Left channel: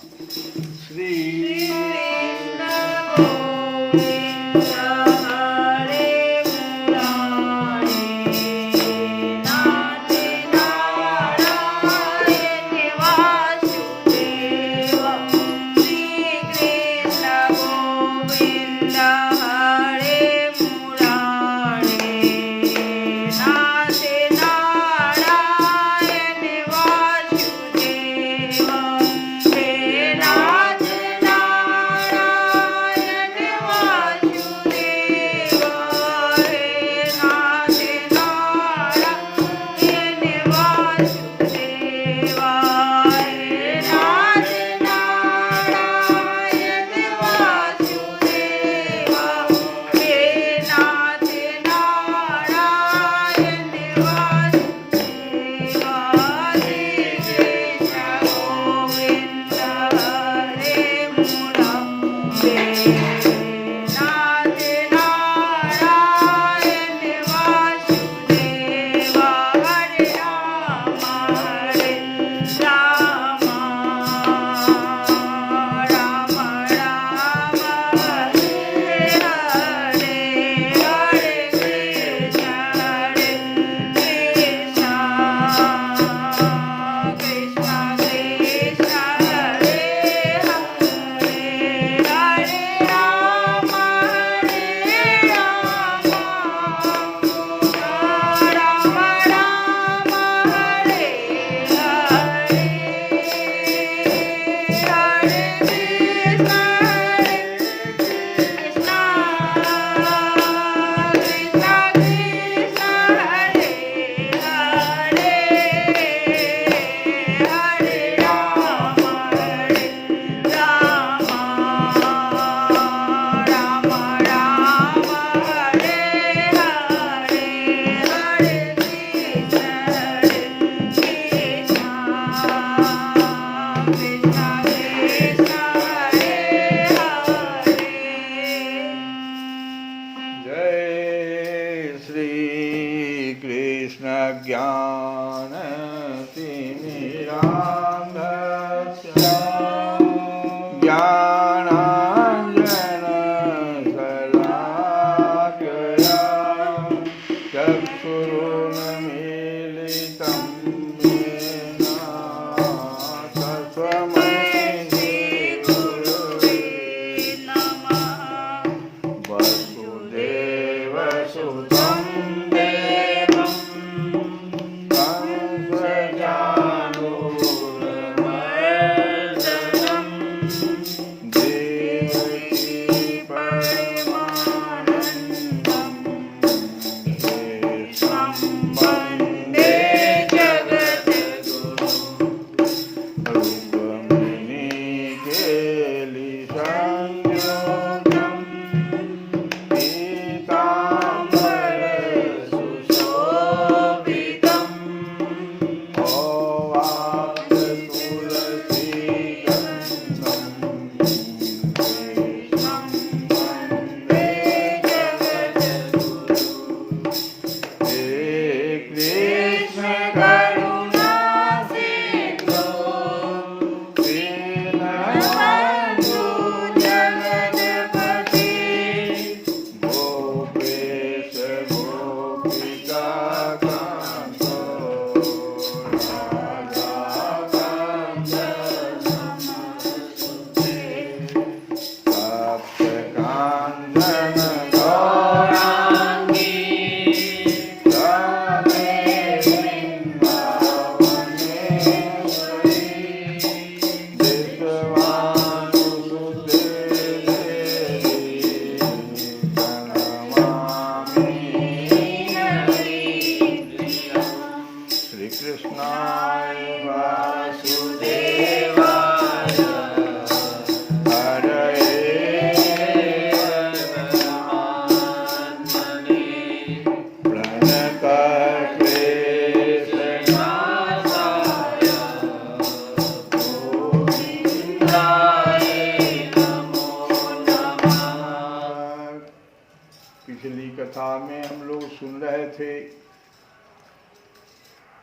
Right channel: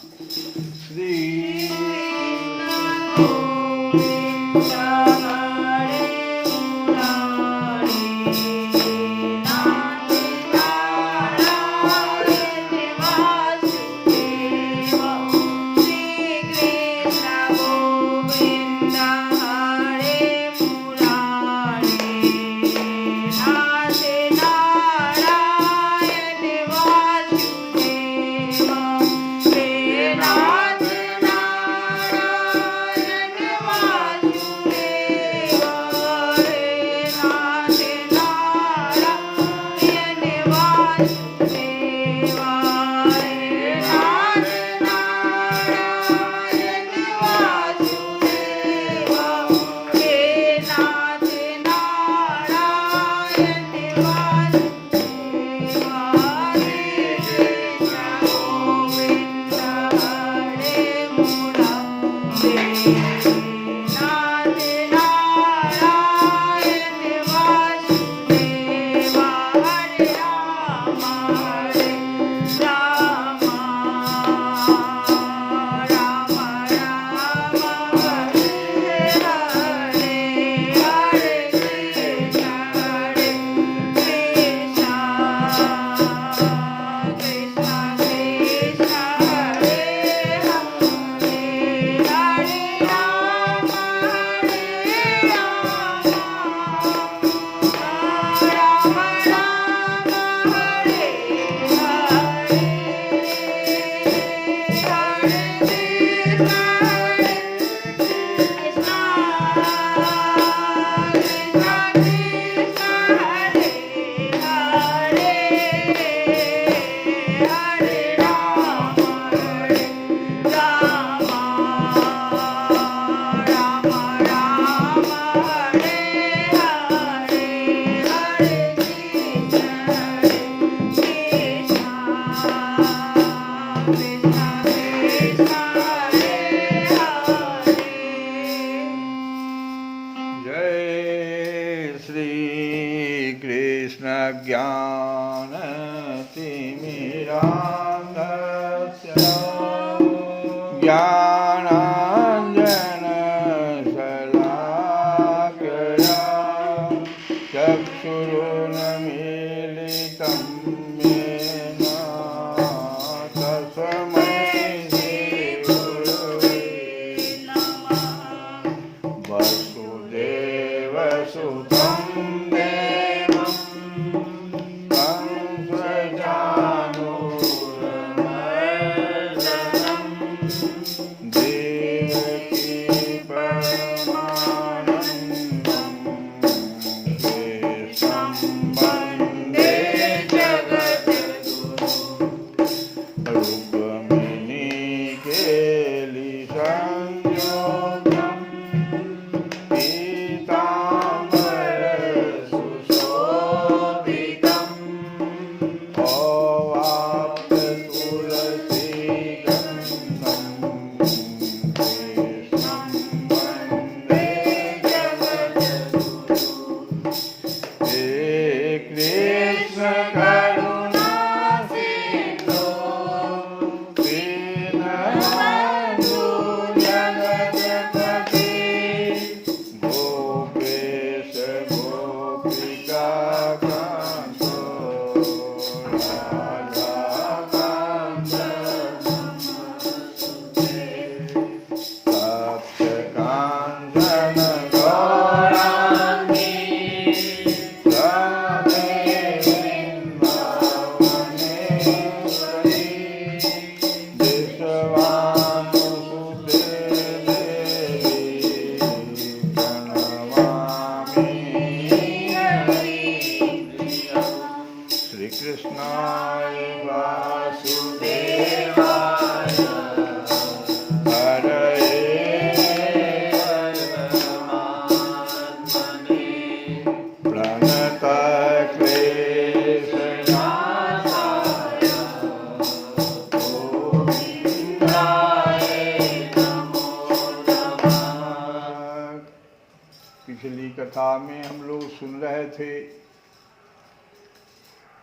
श्री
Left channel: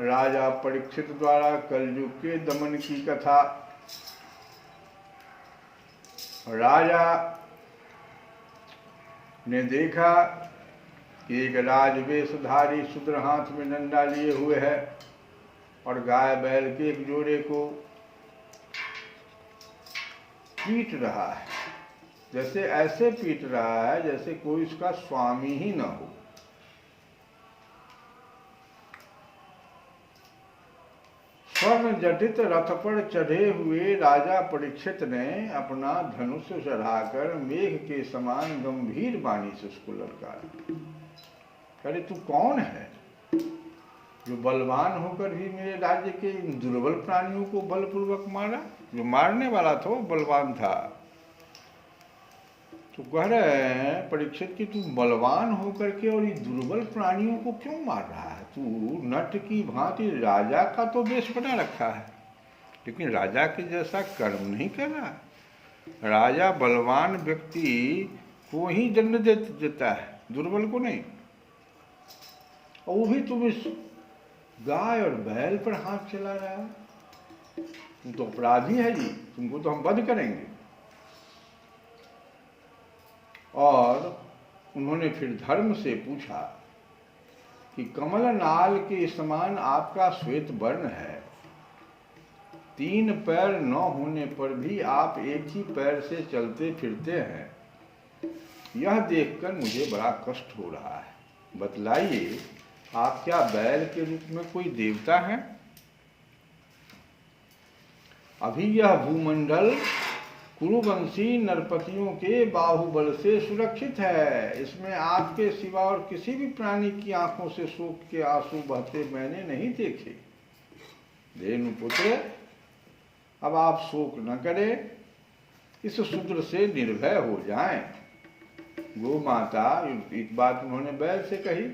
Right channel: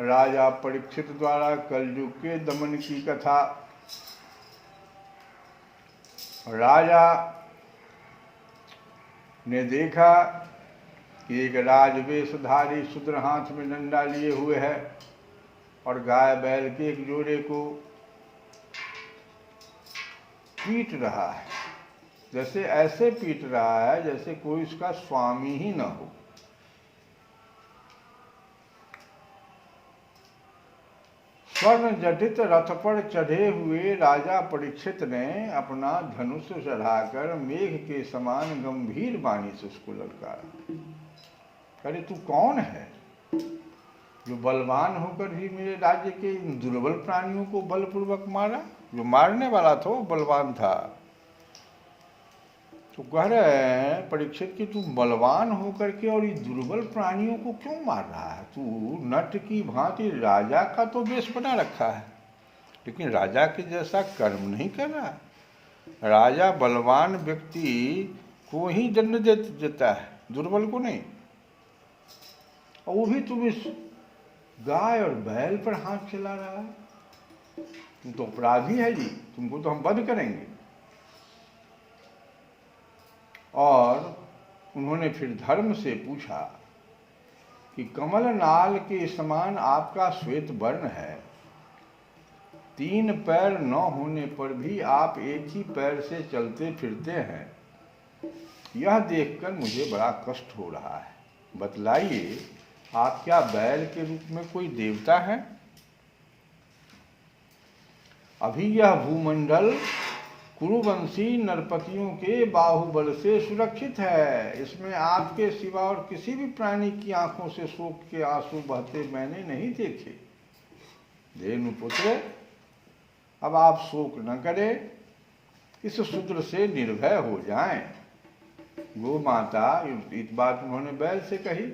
राजा परीक्षित द्वारा कलयुग के दमन की कथा। राजा ने देखा कि एक राजवेशधारी शूद्र हाथ में डंडा लिए हुए है और गाय बैल के एक जोड़े को पीट रहा है, जैसे ऐसे पीट रहा है जैसे कोई उसका स्वामी ही न हो। स्वर्ण जटित रथ पर चढ़े हुए राजा परीक्षित ने अपना धनुष चढ़ाकर मेघ के समान गंभीर वाणी से उसको ललकारा। अरे तू कौन है जो बलवान होकर भी मेरे राज्य के दुर्बल प्राणियों को बलपूर्वक मारा? जो मारने वाला था वो बलवान था। तो कह रहे हैं परीक्षित कि तू बलवान होकर के और ये दुर्बल प्राणियों को क्यों मार रहा है? तू नट की भांति राजा का तो वेश बना रखा है, लेकिन राजा के जैसा कर्म नहीं कर रहा। राजा बलवान व्यक्ति को ही दंड देता है, दुर्बल को नहीं। और वो भी तुम इस गाय और बैल पर हाथ चला रहा है। तुम तो अपराधी है जी, तुमको तो हम वध करेंगे। और उन्होंने फिर धर्म से पूछा कि कमल नाल के समान आपका श्वेत वर्ण है, 3 पैर न होने पर भी आप एक ही पैर से चलते फिरते हैं, यह देखकर मुझे बड़ा कष्ट हो रहा है। बतलाइए, आप क्या बैल के रूप में कोई देवता है? अभी यह भूमंडल कुरुवंशी नरपतियों के बाहुबल से सुरक्षित है। इसमें आपके सिवा और किसी भी प्राणी की आंखों से शोक के आंसू बहते मैंने नहीं देखे। धेनुपुत्र, अब आप शोक न करें, इस शूद्र से निर्भय हो जाएं। गो माता, एक बात उन्होंने बैल से कही।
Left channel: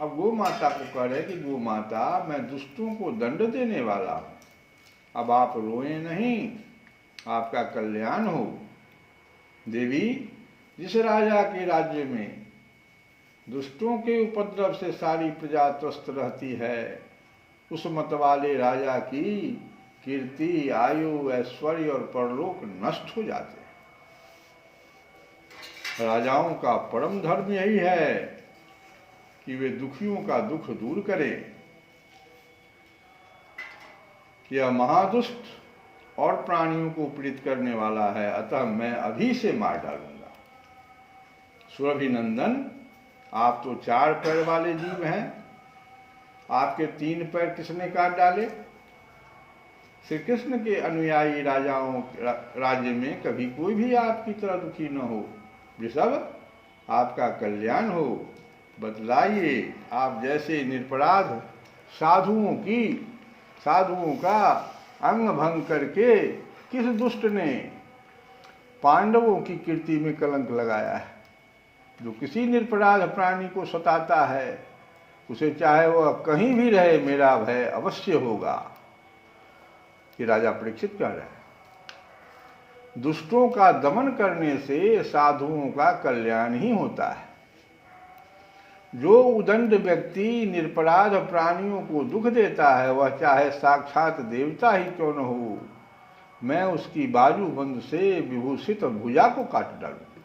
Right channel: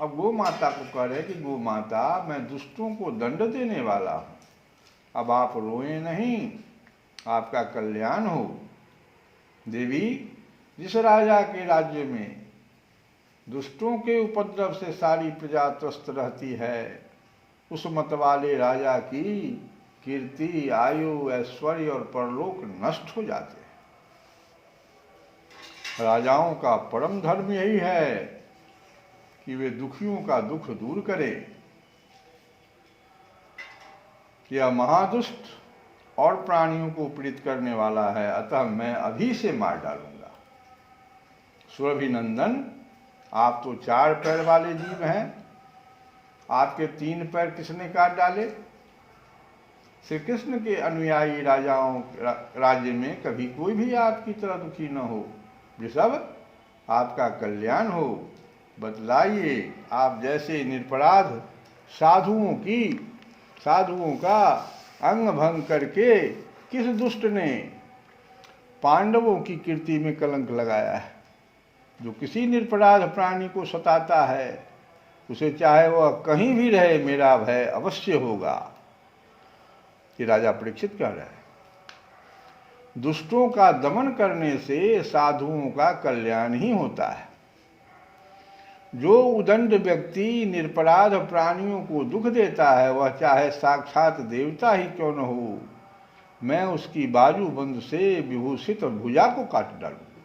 अब गो माता को कह रहे कि गो माता, मैं दुष्टों को दंड देने वाला हूं, अब आप रोएं नहीं, आपका कल्याण हो। देवी, जिस राजा के राज्य में दुष्टों के उपद्रव से सारी प्रजा त्रस्त रहती है, उस मत वाले राजा की कीर्ति, आयु, ऐश्वर्य और परलोक नष्ट हो जाते हैं। राजाओं का परम धर्म यही है कि वे दुखियों का दुख दूर करें। यह महादुष्ट और प्राणियों को पीड़ित करने वाला है, अतः मैं अभी से मार डालूंगा। सुरभिनंदन, आप तो 4 पैर वाले जीव हैं, आपके 3 पैर किसने काट डाले? श्री कृष्ण के अनुयायी राजाओं राज्य में कभी कोई भी आपकी तरह दुखी न हो। वृषभ, आपका कल्याण हो। बतलाइए, आप जैसे निरपराध साधुओं का अंग भंग करके किस दुष्ट ने पांडवों की कीर्ति में कलंक लगाया है? जो किसी निरपराध प्राणी को सताता है, उसे चाहे वह कहीं भी रहे, मेरा भय अवश्य होगा। ये राजा परीक्षित कह रहे हैं। दुष्टों का दमन करने से साधुओं का कल्याण ही होता है। जो उदंड व्यक्ति निरपराध प्राणियों को दुख देता है, वह चाहे साक्षात देवता ही क्यों न हो, मैं उसकी बाजूबंद से विभूषित भुजा को काट डालूंगा।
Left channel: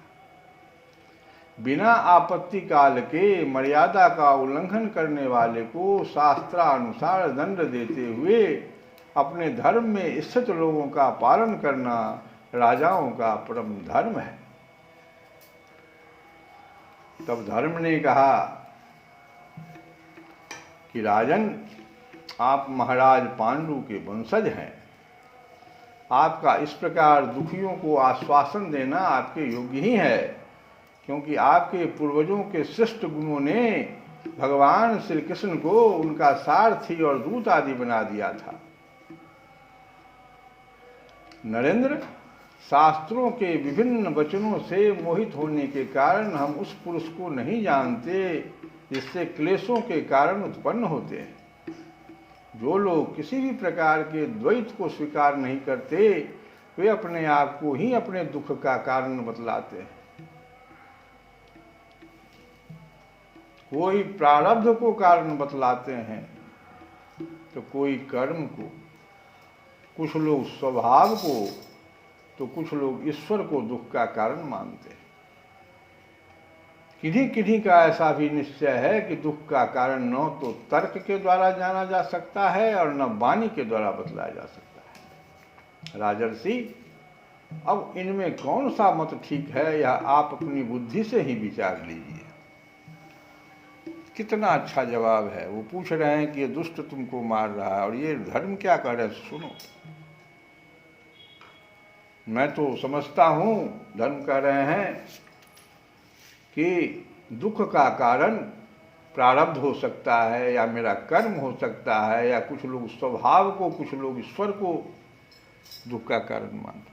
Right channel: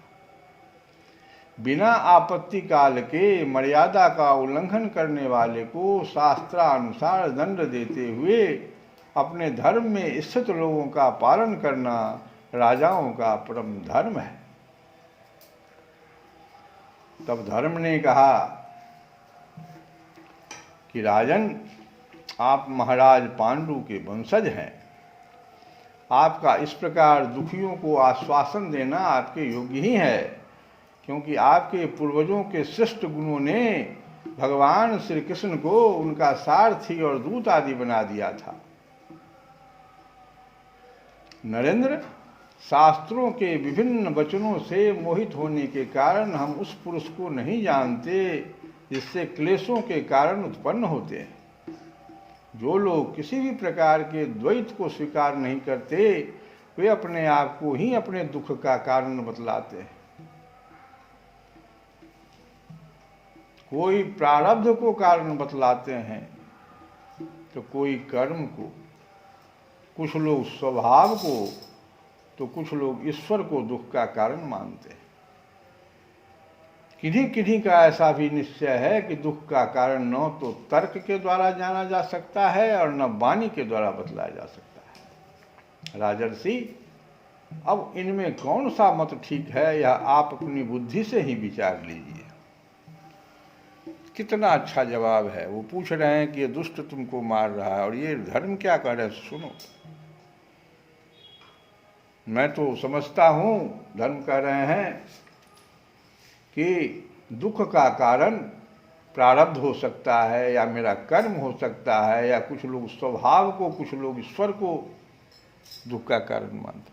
बिना आपत्ति काल के मर्यादा का उल्लंघन करने वाले को शास्त्रानुसार दंड देते हुए अपने धर्म में स्थित लोगों का पालन करना राजाओं का परम धर्म है। तब धर्म ने कहा कि राजन, आप महाराज पांडु के वंशज हैं, आपका इस प्रकार दुखियों को आश्वासन देना आपके योग्य ही है, क्योंकि आपके पूर्वजों के श्रेष्ठ गुणों ने भगवान श्री कृष्ण को उनका सारथी और दूत आदि बना दिया था। नरेंद्र, शास्त्रों के विभिन्न वचनों से मोहित होने के कारण हम उस पुरुष को नहीं जानते जिससे क्लेशों के कारण उत्पन्न होते हैं। जो लोग किसी भी प्रकार के द्वैत को स्वीकार नहीं करते, वे अपने आप को ही अपने दुख का कारण बतलाते हैं। कोई प्रारब्ध को कारण बतलाते हैं तो कोई कर्म को, कुछ लोग स्वभाव को तो कुछ लोग ईश्वर को दुख का कारण मानते हैं। किन्हीं किन्हीं का ऐसा भी निश्चय है कि दुख का कारण न तो तर्क के द्वारा जाना जा सकता है और न वाणी के द्वारा बतलाया जा सकता है। राजर्षि, अब इनमें कौन सा मत ठीक है, यह आप अपनी बुद्धि से ही विचार लीजिए। कितना अच्छा जवाब है। वो पूछ रहे हैं कि ये दुष्ट तुमको मार रहा है और ये धर्म क्या कह रहे हैं, सुनो। मैं तो समझता हूं, धर्म कह रहे हैं कि दुख का कारण प्रारब्ध हो सकता है, या मेरा कर्म हो सकता है, या कुछ लोग स्वभाव को, कुछ लोग ईश्वर को दुख का कारण मानते।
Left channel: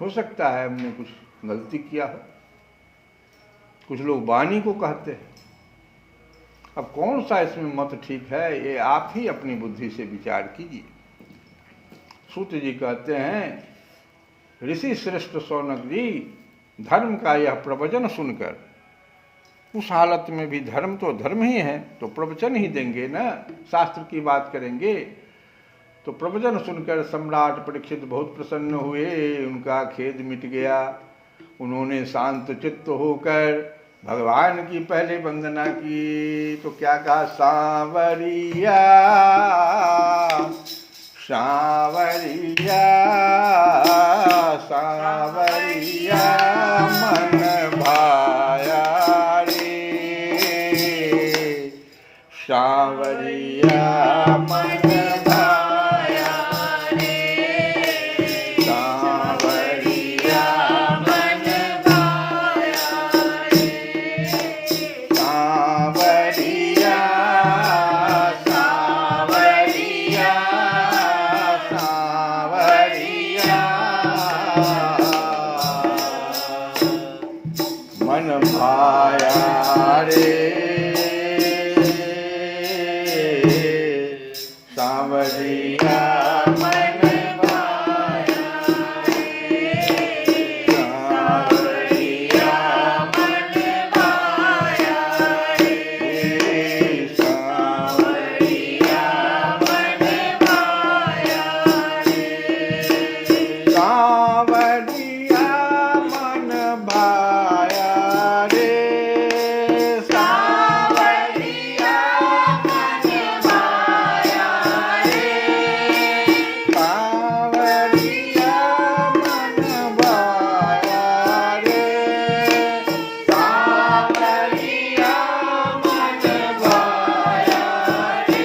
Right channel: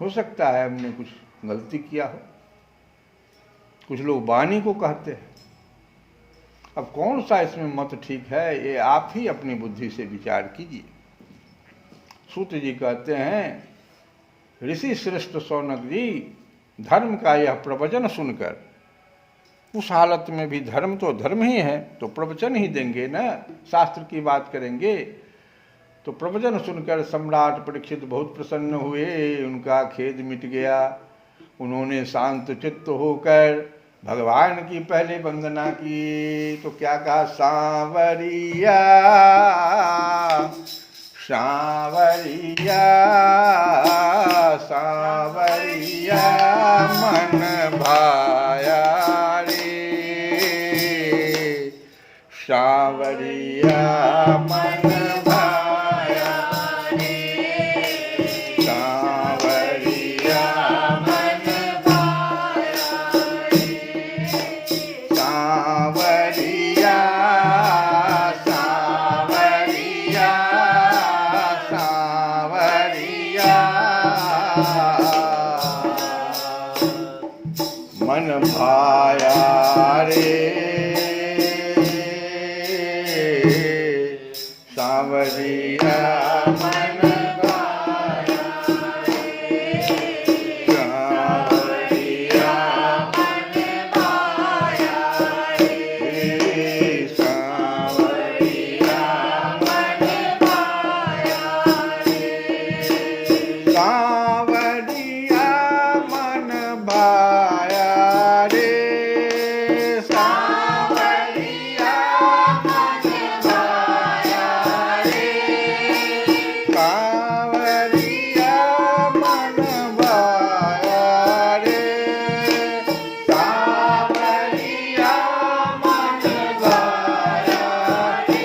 हो सकता है हमने कुछ गलती किया हो, कुछ लोग वाणी को कहते हैं। अब कौन सा इसमें मत ठीक है, ये आप ही अपनी बुद्धि से विचार कीजिए। सूत जी कहते हैं, ऋषि श्रेष्ठ शौनक जी, धर्म का यह प्रवचन सुनकर, उस हालत में भी धर्म तो धर्म ही है, तो प्रवचन ही देंगे ना, शास्त्र की बात करेंगे। तो प्रवचन सुनकर सम्राट परीक्षित बहुत प्रसन्न हुए, उनका खेद मिट गया। उन्होंने शांत चित्त होकर भगवान की पहले वंदना की। तो क्या कहा, सांवरिया सांवरिया सांवरिया मन भाया रे, सांवरिया मन भाया रे, सांवरिया मन भाया रे, सांवरिया सांवरिया सांवरिया मन भाया रे, सांवरिया मन भाया रे, सांवरिया मन भाया रे, सांवरिया मन भाया रे, सांवरिया मन भाया रे, सांवरिया मन भाया रे, सांवरिया मन भाया रे, सांवरिया मन भाया रे,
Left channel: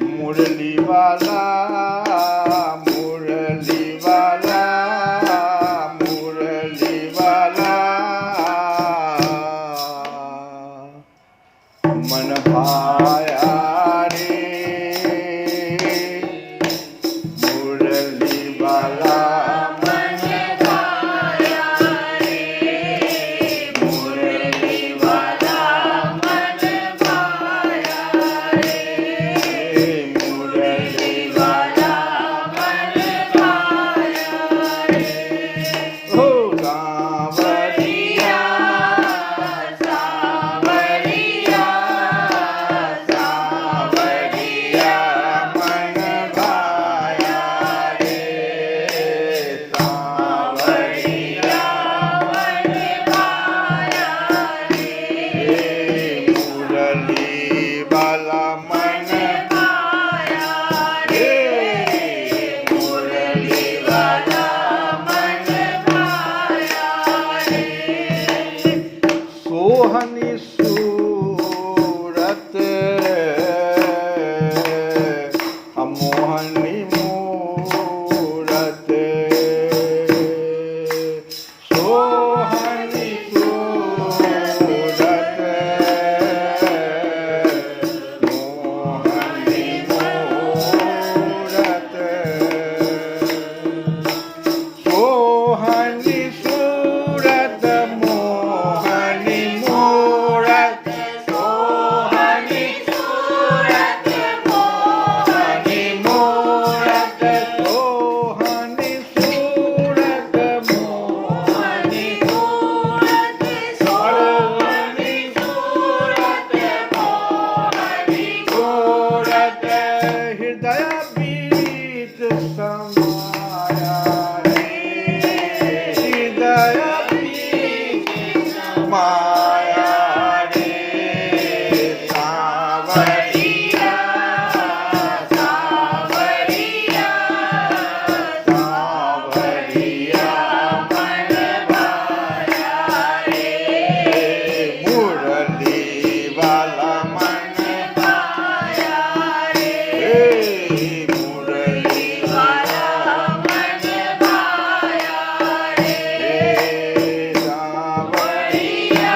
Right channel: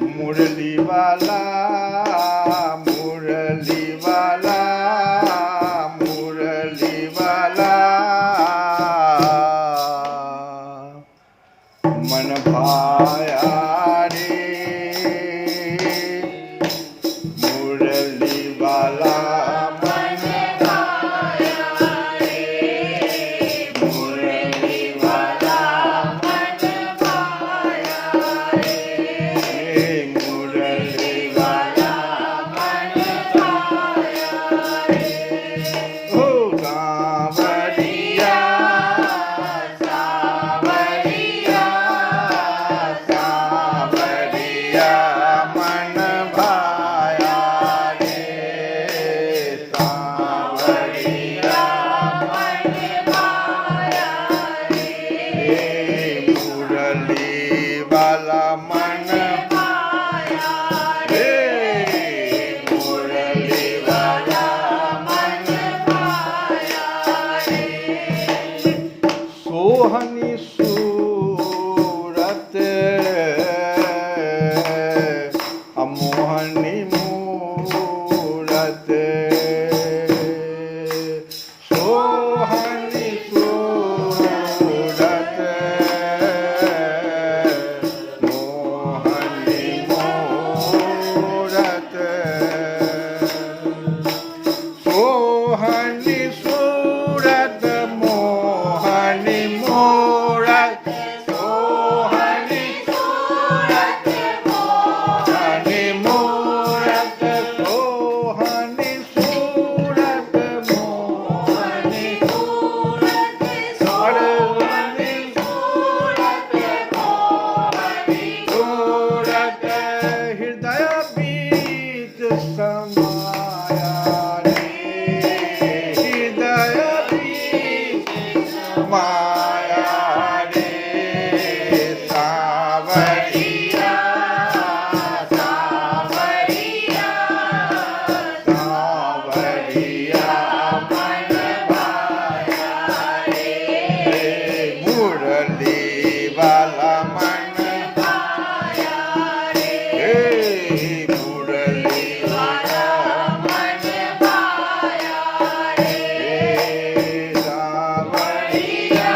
मुरली वाला मुरली वाला मुरली वाला मन भाया रे, मुरली वाला मन भाया रे, मुरली वाला मन भाया रे, मुरली वाला मन भाया रे, ओ सांवरिया सांवरिया सांवरिया मन भाया रे, सांवरिया मन भाया रे, मुरली वाला मन भाया रे, मुरली वाला मन भाया रे, सोहनी सूरत अमोहनी मूरत, सोहनी सूरत मोहनी मूरत, सोहनी सूरत मोहनी मूरत, सोहनी सूरत मोहनी मूरत, समाया रे, हृदय बीज समाया रे, सावरिया सावरिया सावरिया मन भाया रे, मुरली वाला मन भाया रे, मुरली वाला मन भाया रे, सावरिया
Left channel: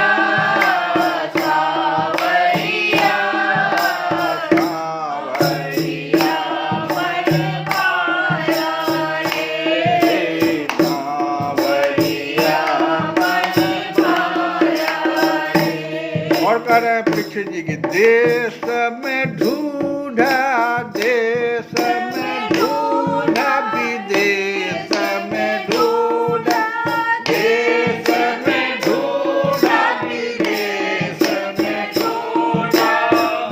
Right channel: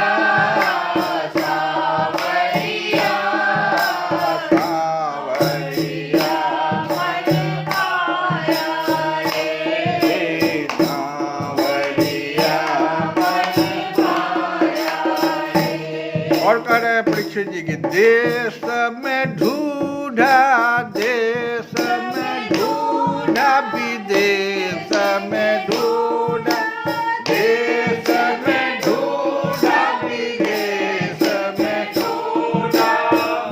सावरिया सावरिया मन भाया रे, सावरिया मन भाया रे। और कह रहे हैं परीक्षित जी की, देश में ढूंढा विदेश में ढूंढा, देश में ढूंढा विदेश में ढूंढा,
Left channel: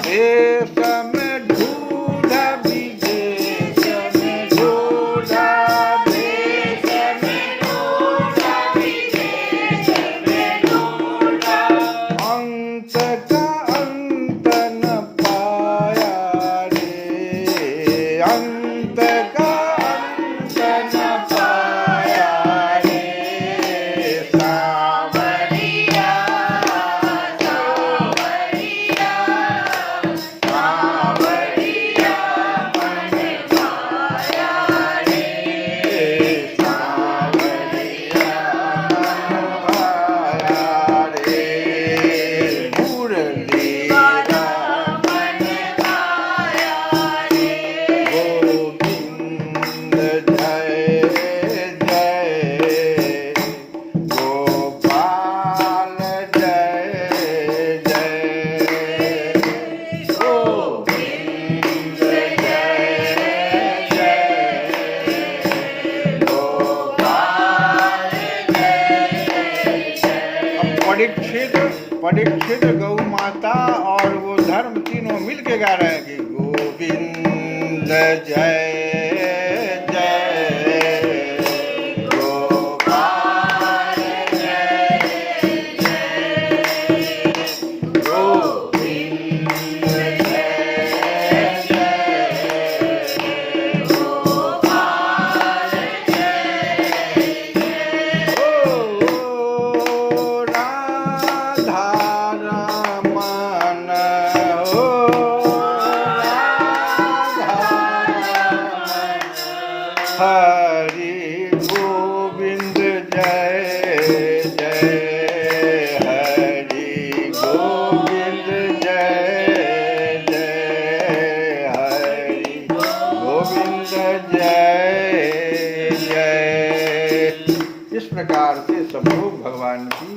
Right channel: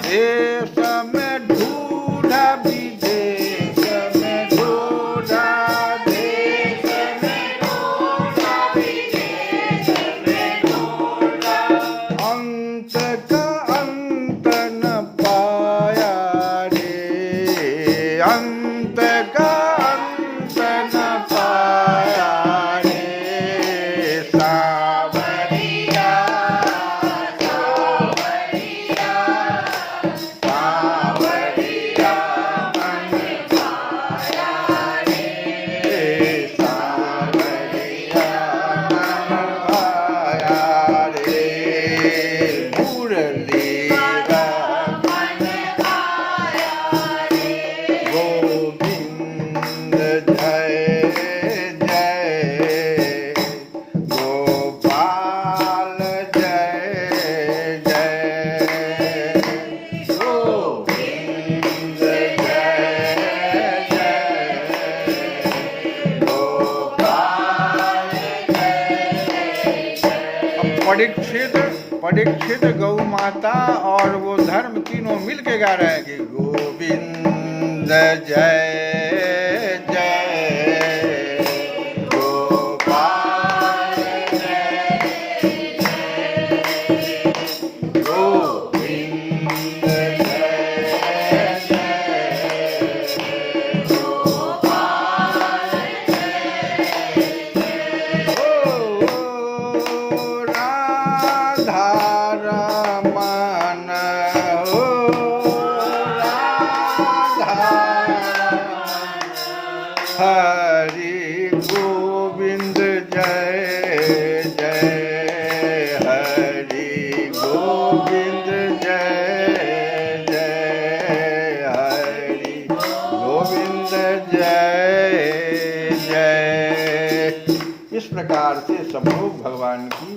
देश में ढूंढा विदेश में ढूंढा, देश में ढूंढा विदेश में ढूंढा, अंत का अंत न पाया रे, अंत का अंत न पाया रे, सावरिया सावरिया सावरिया मन भाया रे, सावरिया मन भाया रे, मुरली वाला मन भाया रे, गोविंद जय जय, गोपाल जय जय, गोविंद जय जय, गोपाल जय जय। परीक्षित गौ माता और वो धर्म तीनों मिलके गा रहे हैं कि गोविंद जय जय, गोपाल जय जय, गोविंद जय जय, गोपाल जय जय। ओ राधा रमन, ओ राधा रमन, हरि गोविंद जय जय, हरि गोविंद जय जय, हरि गोविंद जय जय। इस प्रकार से सब लोग भगवान की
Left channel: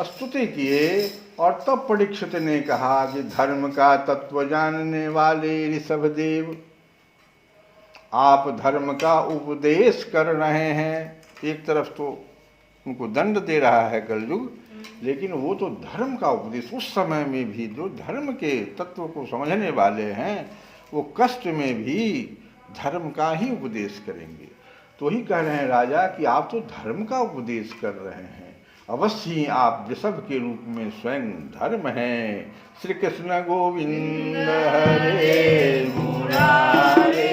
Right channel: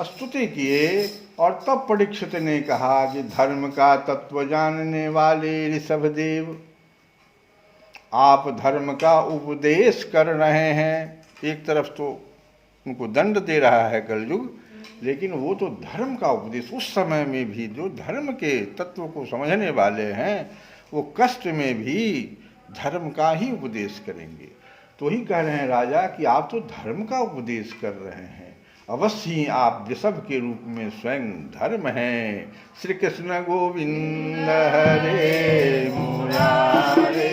स्तुति किए और तब परीक्षित ने कहा कि धर्म का तत्व जानने वाले ऋषभदेव, आप धर्म का उपदेश कर रहे हैं। एक तरफ तो उनको दंड दे रहा है कलयुग, लेकिन वो तो धर्म का उपदेश, उस समय में भी जो धर्म के तत्व को समझने वाले हैं वो कष्ट में भी धर्म का ही उपदेश करेंगे। तो ही कह रहे हैं राजा कि आप तो धर्म का उपदेश कर रहे हैं, अवश्य ही आप वृषभ के रूप में स्वयं धर्म हैं। श्री कृष्ण गोविंद हरे मुरारे।